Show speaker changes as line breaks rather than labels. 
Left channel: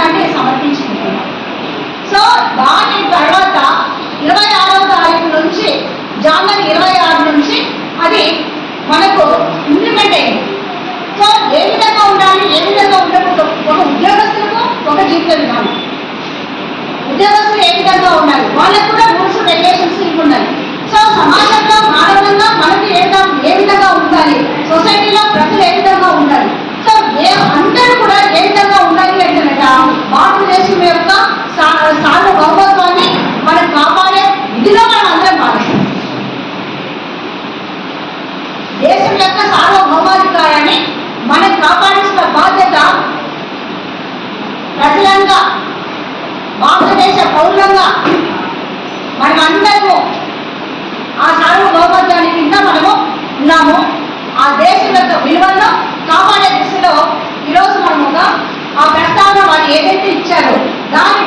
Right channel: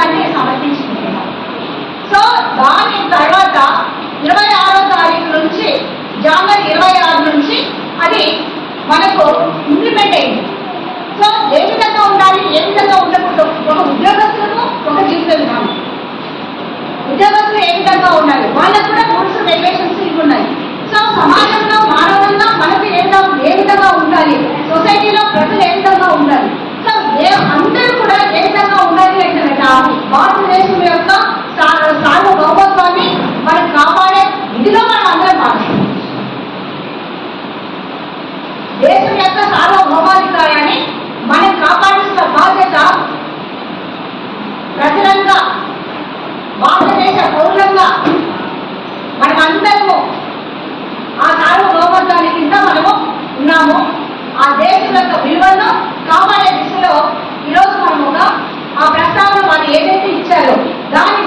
రాజ్యాంగాన్ని సమర్పించుకుంటున్నాం. సో దాని తర్వాత ఇరవై ఆరో తారీఖు నుంచి జనవరి ఇరవై ఆరు నుంచి అది మనకు ఇంప్లిమెంట్ అయింది. సో ఏ విధంగా ఉండాలి ఏ విధంగా ఉండకూడదు? ఒక ఉద్యోగస్తులకు ఒక జీవిత విధానం. ఉద్యోగస్తులు ఏ విధంగా ఉండాలి వాళ్ళకు కూడా రూల్స్ రెగ్యులేషన్స్ ఇవి ఉన్నాయి సో సమాజంలో మానవులంగా మనకి ఏ విధంగా ఏ విధంగా ఉండాలి సొసైటీలో ప్రజలు ఏ విధంగా ఉండాలి సో ఏ అందరూ కూడా ఏ విధంగా ఉండాలి అంటే కనుక భారతదేశం యొక్క సా- సార్వభౌమత్వాన్ని మనం కాపాడే ఇదిలో మనం అందరం భావిస్తాం దేశం యొక్క సార్వభౌమాధికారాన్ని మనం కాపాడాల్సిన బాధ్యత ప్రజలంగా భారతదేశ పౌరులంగా మనం అందరము ఆ సార్వభౌమత్వాన్ని కింద మనము ఉన్నాము. ఆ దేశం యొక్క విలువలను కాపాడే దిశలో ఈరోజు మనం ఒక ఆ ప్రస్తావన వాళ్ళు ఏదైతే ఇచ్చారో దాని